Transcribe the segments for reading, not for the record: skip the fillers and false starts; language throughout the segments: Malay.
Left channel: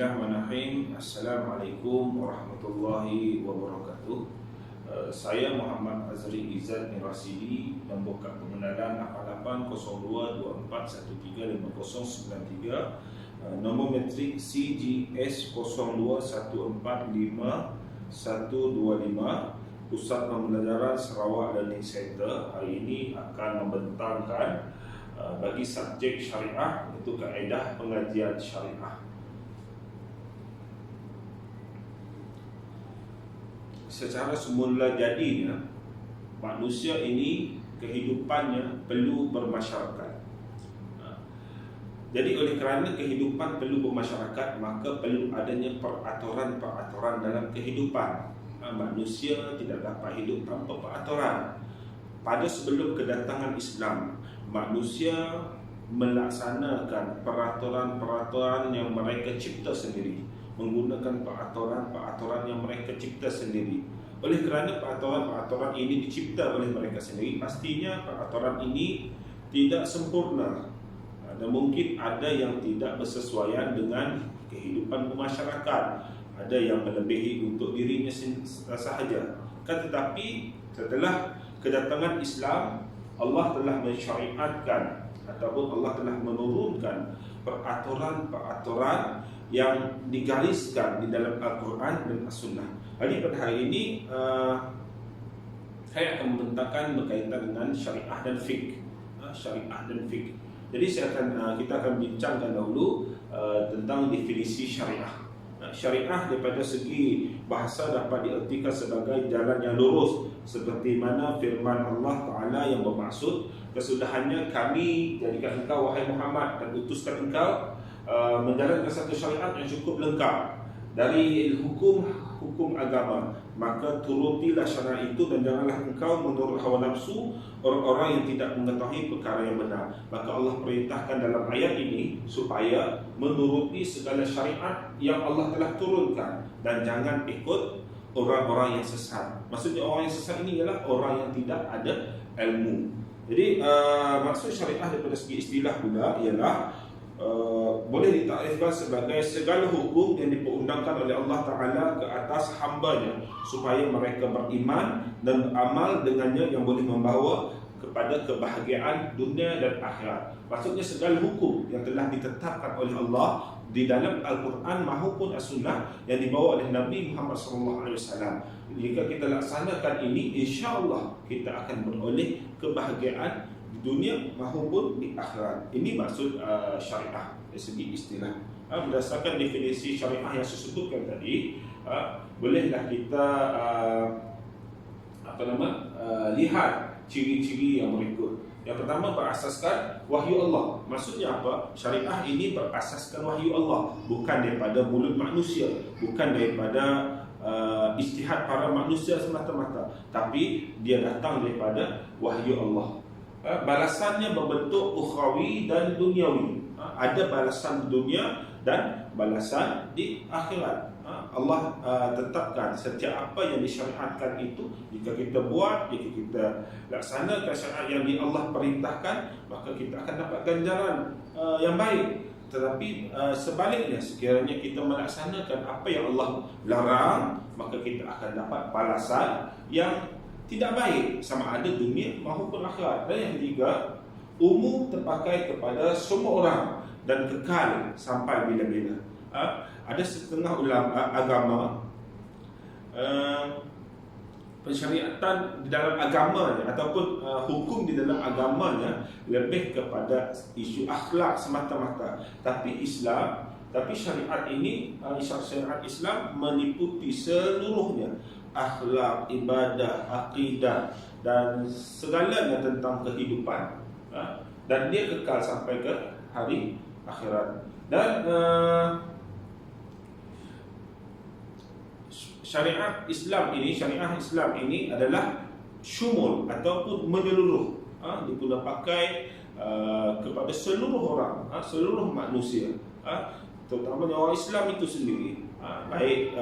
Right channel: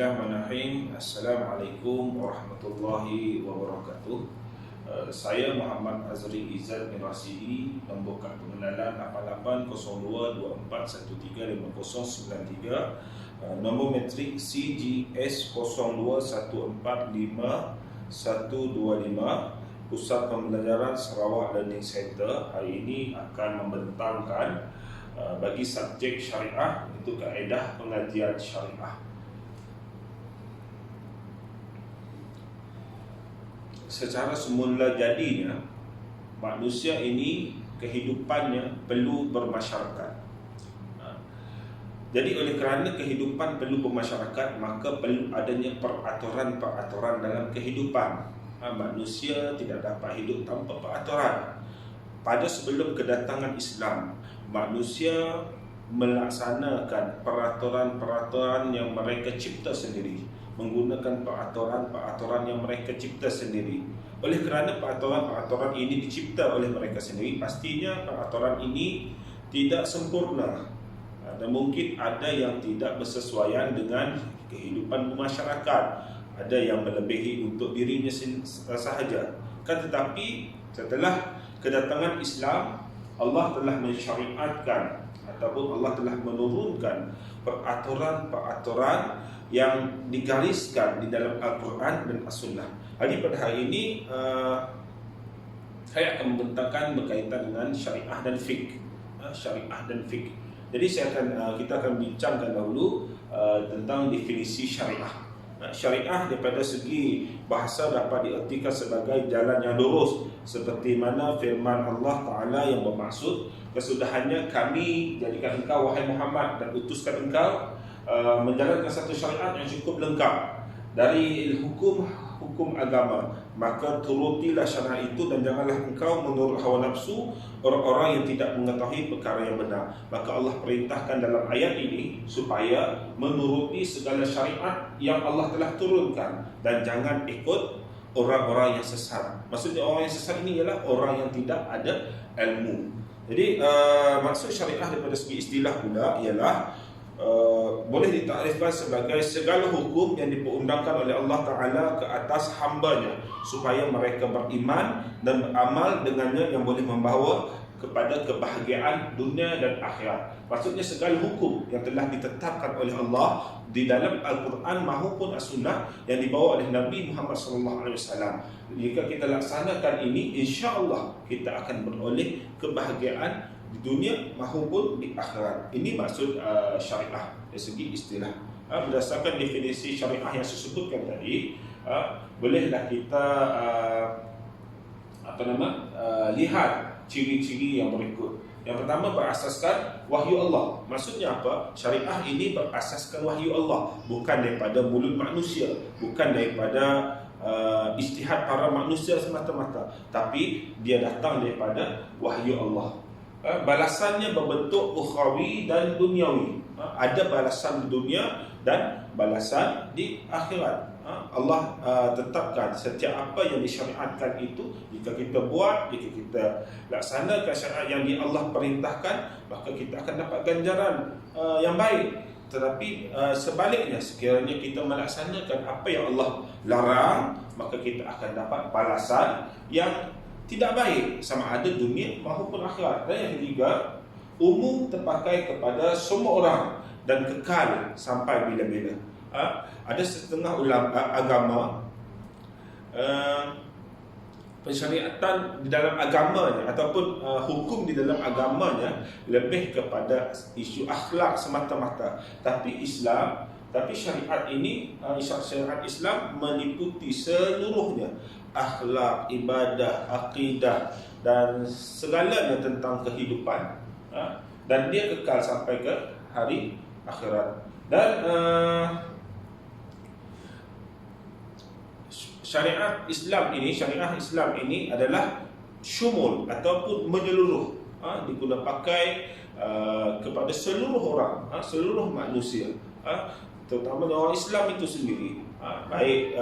Bismillahirrahmanirrahim. Assalamualaikum warahmatullahi wabarakatuh. Saya Muhammad Azri Izzat Mirasidi, nombor kad pengenalan 880241355093, nombor metrik CGS 02145125, Pusat Pembelajaran Sarawak Learning Center. Hari ini akan membentangkan bagi subjek syariah, itu kaedah pengajian syariah. Secara semula jadinya, manusia ini kehidupannya perlu bermasyarakat. Jadi oleh kerana kehidupan perlu bermasyarakat, maka perlu adanya peraturan-peraturan dalam kehidupan. Manusia tidak dapat hidup tanpa peraturan. Pada sebelum kedatangan Islam, manusia melaksanakan peraturan-peraturan yang mereka cipta sendiri, menggunakan peraturan-peraturan yang mereka cipta sendiri. Oleh kerana peraturan-peraturan ini dicipta oleh mereka sendiri, pastinya peraturan ini tidak sempurna dan mungkin ada yang tidak bersesuaian dengan kehidupan masyarakat, ada yang melebihi untuk dirinya sahaja. Tetapi setelah kedatangan Islam, Allah telah mensyariatkan ataupun Allah telah menurunkan peraturan-peraturan yang digariskan di dalam Al-Quran dan As-Sunnah. Jadi pada hari ini saya akan membentangkan berkaitan dengan syariah dan fiqh. Syariah dan fiqh. Jadi kita akan bincangkan dahulu tentang definisi syariah. Syariah daripada segi bahasa dapat diartikan sebagai jalan yang lurus, seperti mana firman Allah Ta'ala yang bermaksud, kesudahannya kami jadikan engkau wahai Muhammad dan utuskan engkau menjalankan satu syariat yang cukup lengkap dari hukum agama, maka turutilah syariat itu dan janganlah engkau menurut hawa nafsu orang-orang yang tidak mengetahui perkara yang benar. Maka Allah perintahkan dalam ayat ini supaya menuruti segala syariat yang Allah telah turunkan dan jangan ikut orang-orang yang sesat. Maksudnya orang yang sesat ini ialah orang yang tidak ada ilmu. Jadi maksud syariah daripada segi istilah pula ialah boleh ditakrifkan sebagai segala hukum yang diperundangkan oleh Allah Ta'ala ke atas hambanya supaya mereka beriman dan beramal dengannya, yang boleh membawa kepada kebahagiaan dunia dan akhirat. Maksudnya segala hukum yang telah ditetapkan oleh Allah di dalam Al-Quran maupun As-Sunnah yang dibawa oleh Nabi Muhammad SAW. Jika kita laksanakan ini, insya-Allah kita akan beroleh kebahagiaan di dunia maupun di akhirat. Ini maksud syariah dari segi istilah. Berdasarkan definisi syariah yang saya sebutkan tadi, bolehlah kita lihat ciri-ciri yang berikut. Yang pertama, berasaskan wahyu Allah. Maksudnya apa? Syariah ini berasaskan wahyu Allah, bukan daripada mulut manusia, bukan daripada ijtihad para manusia semata-mata, tapi dia datang daripada wahyu Allah. Balasannya berbentuk ukhrawi dan duniawi. Ada balasan di dunia dan balasan di akhirat. Allah tetapkan setiap apa yang disyariatkan itu, jika kita buat, jika kita laksanakan syariat yang Allah perintahkan, maka kita akan dapat ganjaran yang baik. Tetapi sebaliknya, sekiranya kita melaksanakan apa yang Allah larang, maka kita akan dapat balasan yang tidak baik, sama ada dunia maupun akhirat. Dan yang ketiga, umum terpakai kepada semua orang dan kekal sampai bila-bila. Ada setengah ulama agama, pensyariatan di dalam agamanya ataupun hukum di dalam agamanya lebih kepada isu akhlak semata-mata. Tapi syariat ini, syariat Islam meliputi seluruhnya, akhlak, ibadah, akidah dan segalanya tentang kehidupan, dan dia kekal sampai ke hari akhirat. Dan syariat Islam ini adalah syumul ataupun menyeluruh, digunakan pakai kepada seluruh orang, seluruh manusia, terutamanya orang Islam itu sendiri, baik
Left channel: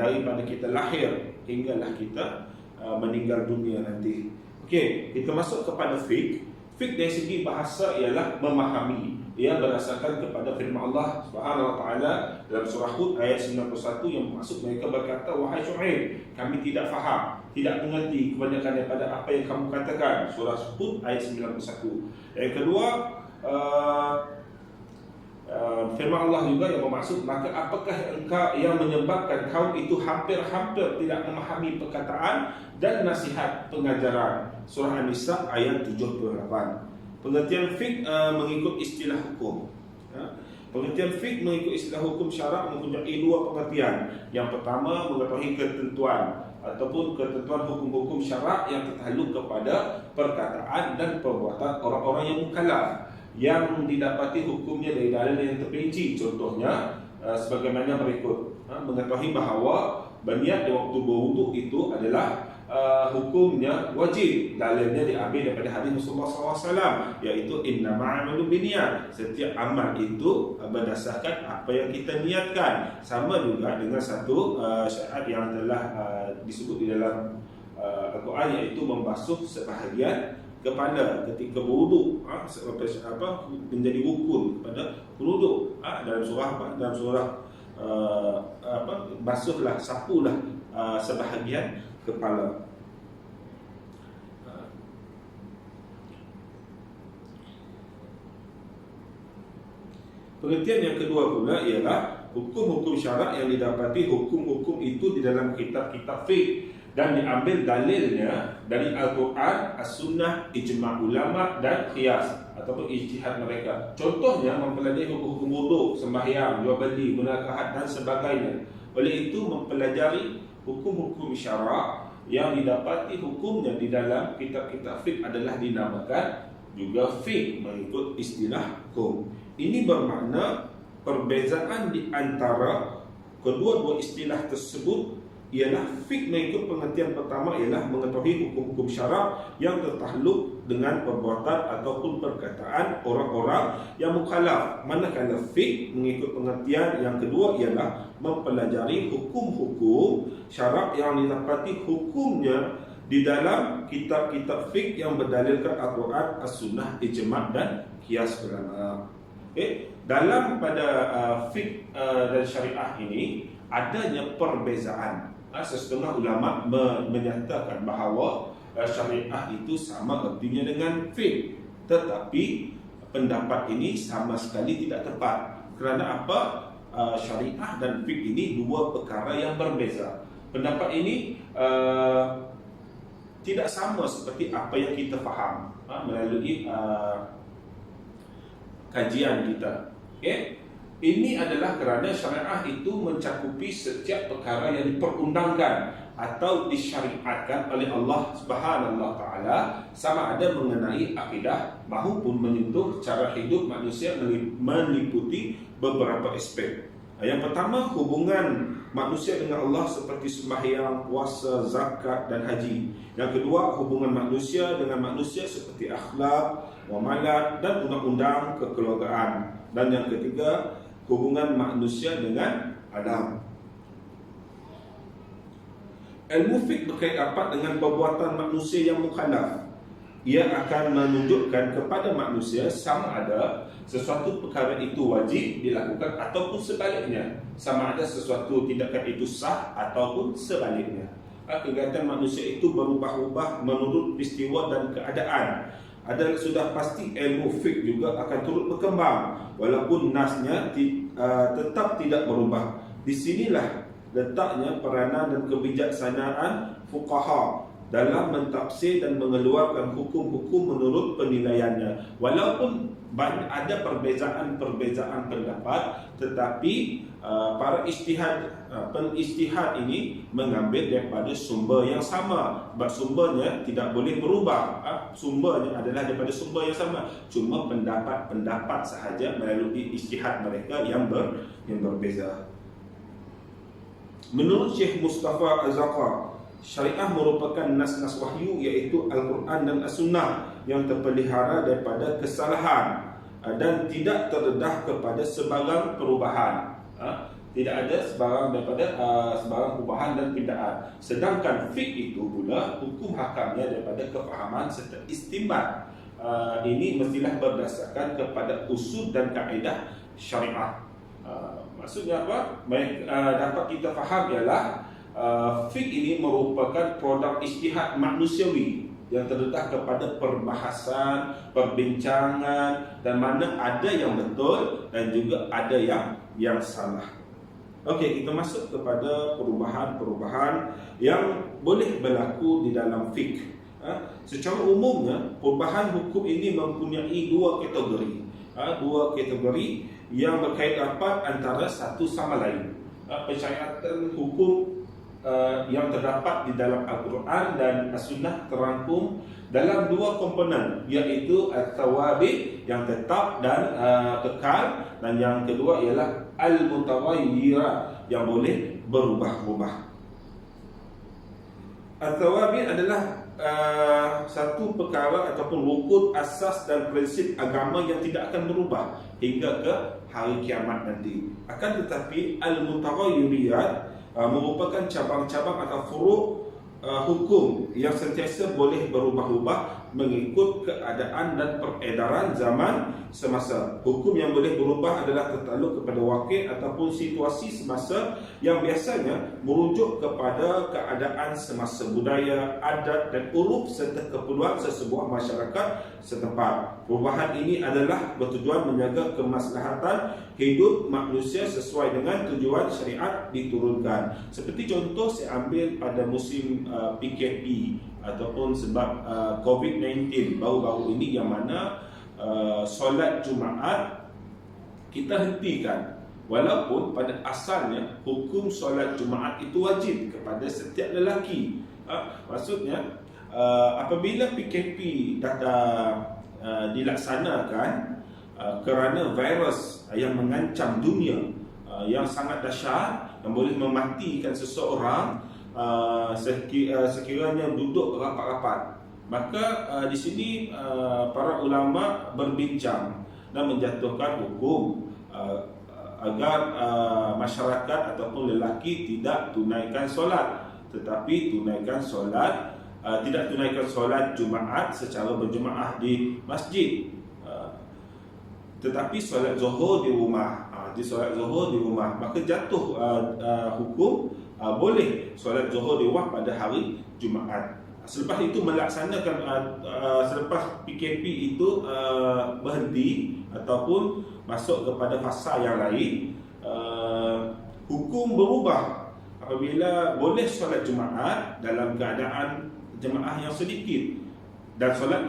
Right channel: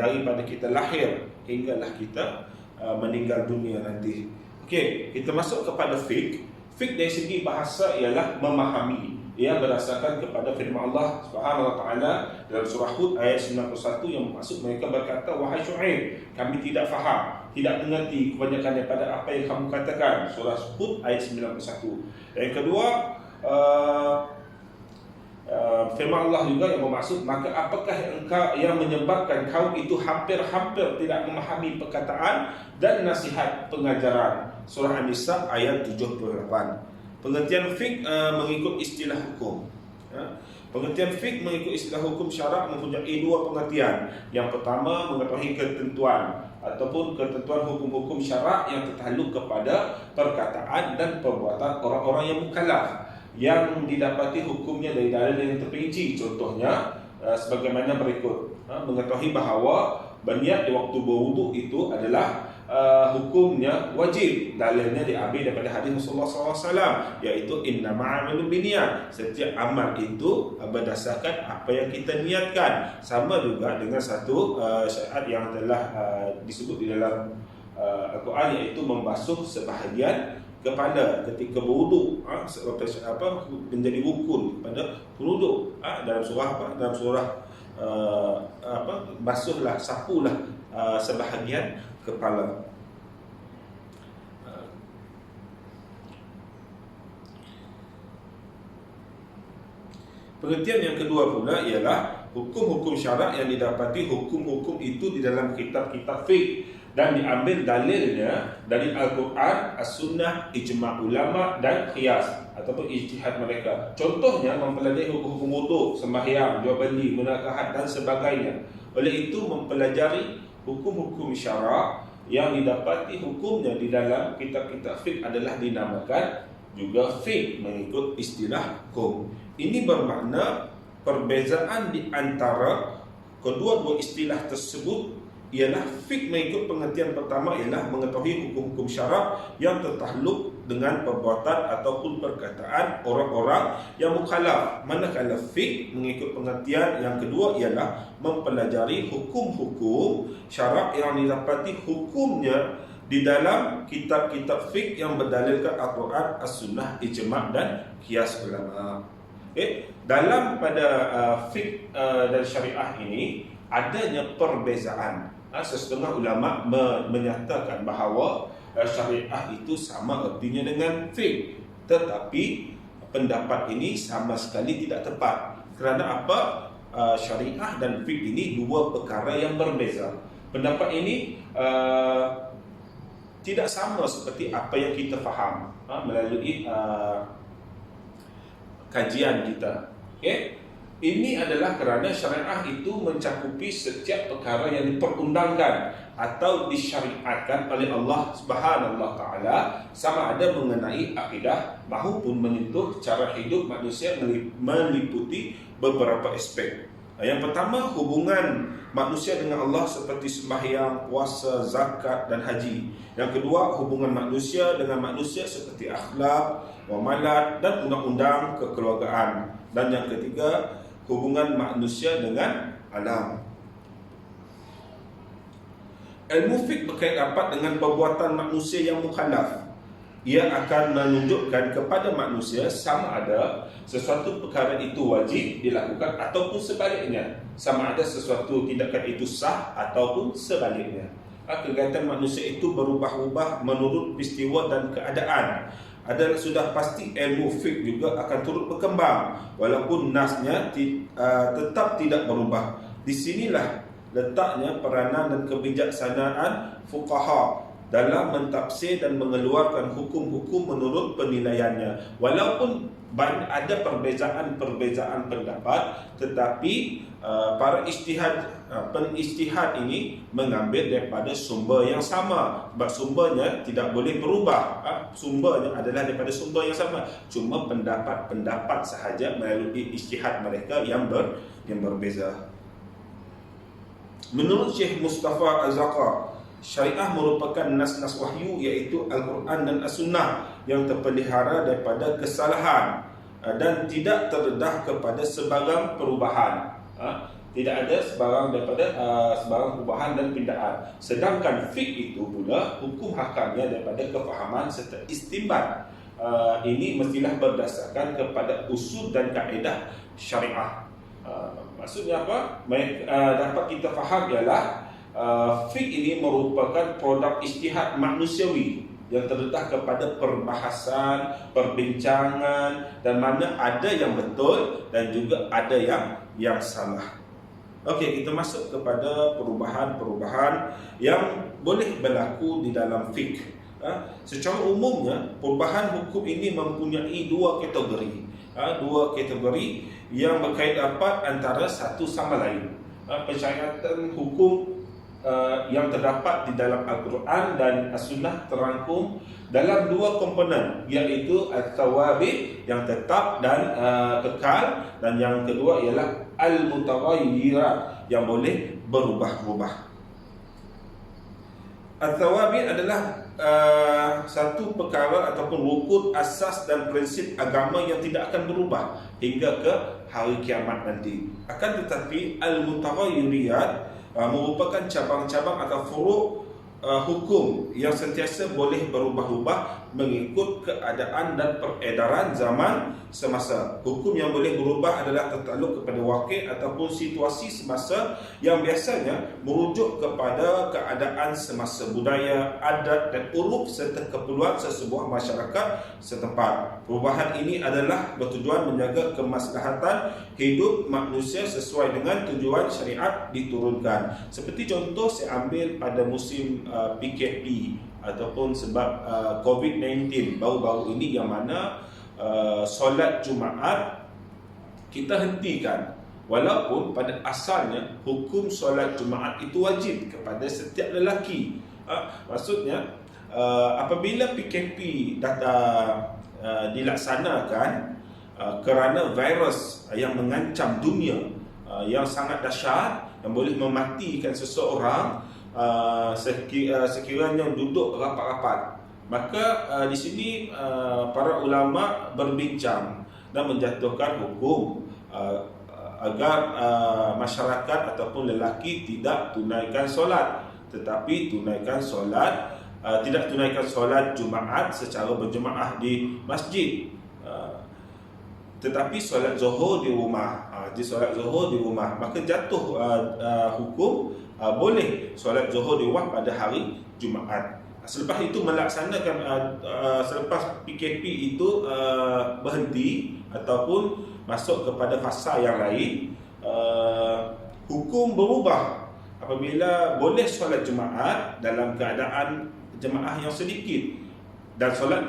daripada kita lahir hinggalah kita meninggal dunia nanti. Okey, kita masuk kepada fiqh. Fiqh dari segi bahasa ialah memahami. ia berdasarkan kepada firman Allah Subhanahu wa taala dalam surah Hud ayat 91 yang maksud mereka berkata, wahai Syuaib, kami tidak faham, tidak mengerti kebanyakan daripada apa yang kamu katakan. Surah Hud ayat 91. Yang kedua, firman Allah juga yang bermaksud, maka apakah engkau yang menyebabkan kaum itu hampir-hampir tidak memahami perkataan dan nasihat pengajaran. Surah An-Nisa ayat 78. Pengertian fiqh mengikut istilah hukum. Pengertian fiqh mengikut istilah hukum syarak mempunyai dua pengertian. Yang pertama, mengetahui ketentuan ataupun ketentuan hukum-hukum syarak yang tertakluk kepada perkataan dan perbuatan orang-orang yang mukallaf, yang didapati hukumnya dari dalil yang terperinci. Contohnya sebagaimana berikut. Mengetahui bahawa berniat di waktu berwuduk itu adalah hukumnya wajib. Dalilnya diambil daripada hadis Rasulullah SAW, iaitu innama a'malu binniyat. Setiap amal itu berdasarkan apa yang kita niatkan. Sama juga dengan satu syarat yang telah disebut di dalam Al-Quran, iaitu membasuh sebahagian kepala ketika berwuduk, menjadi rukun pada berwuduk. Dalam surah apa? Dalam surah basuhlah, sapulah sebahagian kepala. Pengertian yang kedua pula ialah hukum-hukum syarak yang didapati hukum-hukum itu di dalam kitab-kitab fiqh dan diambil dalilnya dari Al-Quran, As-Sunnah, ijma' ulama dan qiyas ataupun ijtihad mereka. Contohnya mempelajari hukum-hukum wuduk, sembahyang, jual beli, munakahat dan sebagainya. Oleh itu mempelajari hukum-hukum syarak yang didapati hukumnya di dalam kitab-kitab fiqh adalah dinamakan juga fiqh mengikut istilah hukum. Ini bermakna perbezaan di antara kedua-dua istilah tersebut ialah fiqh mengikut pengertian pertama ialah mengetahui hukum-hukum syarak yang tertakluk dengan perbuatan ataupun perkataan orang-orang yang mukallaf. Manakala fiqh mengikut pengertian yang kedua ialah mempelajari hukum-hukum syarak yang didapati hukumnya di dalam kitab-kitab fiqh yang berdalilkan Al-Quran, As-Sunnah, ijma' dan qiyas ulama. Dalam pada fiqh dan syariah ini adanya perbezaan. Setengah ulama menyatakan bahawa syariah itu sama artinya dengan fiqh, tetapi pendapat ini sama sekali tidak tepat. Kerana apa? Syariah dan fiqh ini dua perkara yang berbeza. Pendapat ini tidak sama seperti apa yang kita faham melalui kajian kita. Ini adalah kerana syariah itu mencakupi setiap perkara yang diperundangkan atau disyariatkan oleh Allah Subhanahu wa taala, sama ada mengenai akidah maupun menyentuh cara hidup manusia, meliputi beberapa aspek. Yang pertama, hubungan manusia dengan Allah seperti sembahyang, puasa, zakat dan haji. Yang kedua, hubungan manusia dengan manusia seperti akhlak, muamalat dan undang-undang kekeluargaan. Dan yang ketiga, hubungan manusia dengan alam. Ilmu fiqh berkait rapat dengan perbuatan manusia yang mukallaf. Ia akan menunjukkan kepada manusia sama ada sesuatu perkara itu wajib dilakukan ataupun sebaliknya, sama ada sesuatu tindakan itu sah ataupun sebaliknya. Kegiatan manusia itu berubah-ubah menurut peristiwa dan keadaan. Ada sudah pasti ilmu fiqh juga akan turut berkembang walaupun nasnya tetap tidak berubah. Di sinilah letaknya peranan dan kebijaksanaan fuqaha dalam mentafsir dan mengeluarkan hukum-hukum menurut penilaiannya. Walaupun ada perbezaan pendapat, tetapi para penistihad ini mengambil daripada sumber yang sama. Sebab sumbernya tidak boleh berubah. Sumbernya adalah daripada sumber yang sama. Cuma pendapat-pendapat sahaja melalui istihad mereka yang berbeza. Menurut Syekh Mustafa Az-Zaqar, syariah merupakan nas-nas wahyu, iaitu Al-Quran dan As-Sunnah yang terpelihara daripada kesalahan dan tidak terdedah kepada sebarang perubahan. Tidak ada sebarang perubahan dan pindaan. Sedangkan fiqh itu pula hukum hakamnya daripada kefahaman serta istinbat ini mestilah berdasarkan kepada usul dan kaedah syariah. Maksudnya apa? Dapat kita faham ialah fiqh ini merupakan produk ijtihad manusiawi yang terdedah kepada perbahasan, perbincangan, dan mana ada yang betul dan juga ada yang salah. Okey, kita masuk kepada perubahan-perubahan yang boleh berlaku di dalam fiqh. Secara umumnya, perubahan hukum ini mempunyai dua kategori. Dua kategori yang berkait rapat antara satu sama lain. Persyaratan hukum yang terdapat di dalam Al-Quran dan As-Sunnah terangkum dalam dua komponen, iaitu Al-Thawabit yang tetap dan kekal, dan yang kedua ialah Al-Mutawayyirat yang boleh berubah-ubah. Al-Thawabit adalah satu perkara ataupun rukun asas dan prinsip agama yang tidak akan berubah hingga ke hari kiamat nanti. Akan tetapi Al-Mutawayyirat merupakan cabang-cabang atau furuk hukum yang sentiasa boleh berubah-ubah mengikut keadaan dan peredaran zaman semasa. Hukum yang boleh berubah adalah tertakluk kepada wakil ataupun situasi semasa yang biasanya merujuk kepada keadaan semasa, budaya, adat dan uruf serta keperluan sesebuah masyarakat setempat. Perubahan ini adalah bertujuan menjaga kemaslahatan hidup manusia sesuai dengan tujuan syariat diturunkan. Seperti contoh saya ambil pada musim PKP ataupun sebab COVID-19 baru-baru ini, yang mana solat Jumaat kita hentikan, walaupun pada asalnya hukum solat Jumaat itu wajib kepada setiap lelaki. Maksudnya apabila PKP dilaksanakan kerana virus yang mengancam dunia, yang sangat dahsyat, yang boleh mematikan seseorang sekiranya duduk rapat-rapat, maka di sini para ulama berbincang dan menjatuhkan hukum agar masyarakat ataupun lelaki tidak tunaikan solat, tetapi tidak tunaikan solat Jumaat secara berjemaah di masjid, tetapi solat Zuhur di rumah. Solat Zuhur di rumah, maka jatuh hukum boleh solat Zuhur di rumah pada hari Jumaat. Selepas itu melaksanakan selepas PKP itu berhenti ataupun masuk kepada fasa yang lain, hukum berubah apabila boleh solat Jumaat dalam keadaan jemaah yang sedikit, dan solat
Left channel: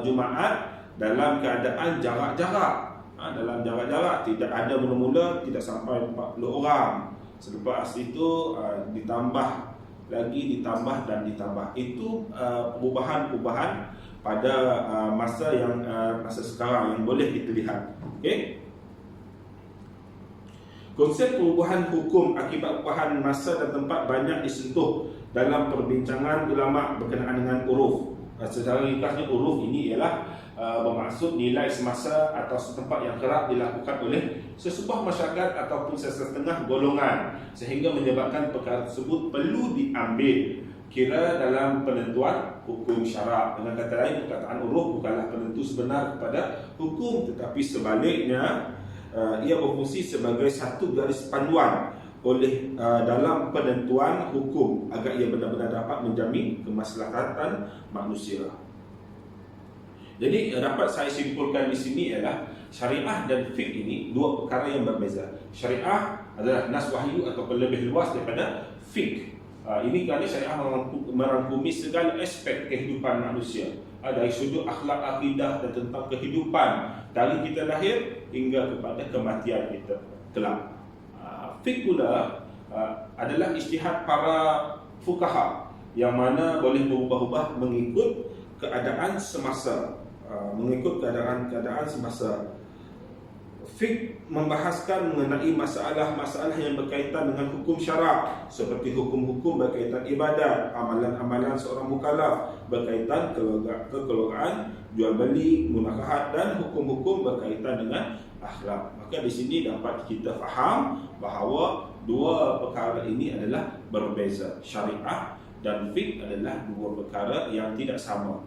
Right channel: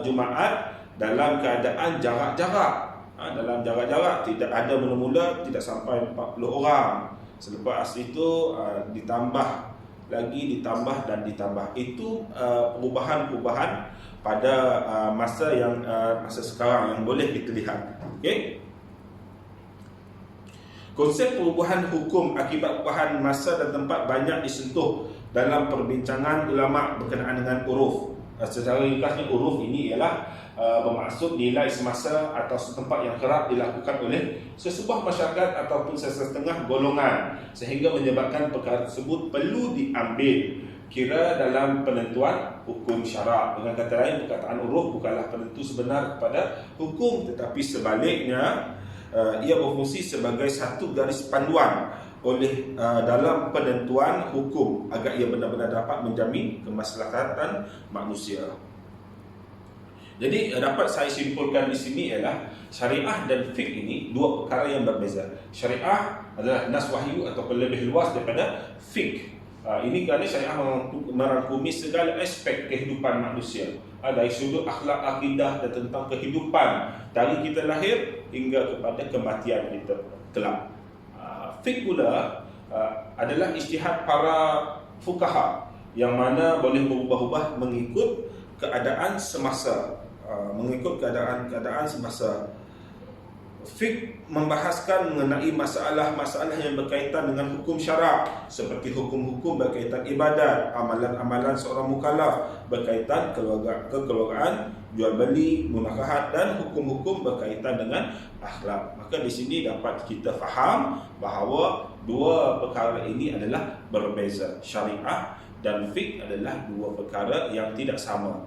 Jumaat dalam keadaan jarak-jarak. Dalam jarak-jarak, tidak ada mula-mula tidak sampai 40 orang. Selepas itu ditambah dan ditambah. Itu perubahan-perubahan pada masa sekarang yang boleh kita lihat. Okey. Konsep perubahan hukum akibat perubahan masa dan tempat banyak disentuh dalam perbincangan ulama berkenaan dengan uruf. Secara ringkasnya, uruf ini ialah bermaksud nilai semasa atau setempat yang kerap dilakukan oleh sesebuah masyarakat ataupun sesetengah golongan, sehingga menyebabkan perkara tersebut perlu diambil kira dalam penentuan hukum syarak. Dengan kata lain, perkataan uruf bukanlah penentu sebenar kepada hukum, tetapi sebaliknya ia berfungsi sebagai satu garis panduan oleh dalam penentuan hukum agar ia benar-benar dapat menjamin kemaslahatan manusia. Jadi dapat saya simpulkan di sini ialah syariah dan fiqh ini dua perkara yang berbeza. Syariah adalah nas wahyu atau lebih luas daripada fiqh. Ini kerana syariah merangkumi segala aspek kehidupan manusia, dari sudut akhlak, akidah dan tentang kehidupan dari kita lahir hingga kepada kematian kita kelak. Fiqh pula adalah ijtihad para fuqaha yang mana boleh berubah-ubah mengikut keadaan semasa. Semasa. Fiqh membahaskan mengenai masalah-masalah yang berkaitan dengan hukum syarak, seperti hukum-hukum berkaitan ibadat, amalan-amalan seorang mukallaf, berkaitan kekeluargaan, jual beli, munakahat, dan hukum-hukum berkaitan dengan akhlak. Maka di sini dapat kita faham bahawa dua perkara ini adalah berbeza. Syariah dan fiqh adalah dua perkara yang tidak sama.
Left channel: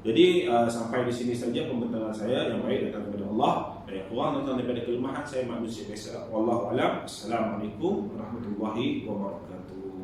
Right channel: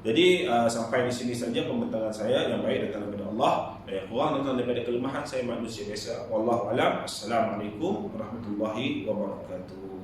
Jadi sampai di sini saja pembentangan saya. Yang baik datang daripada Allah, yang kurang datang daripada kelemahan saya manusia biasa. Wallahu alam. Assalamualaikum warahmatullahi wabarakatuh.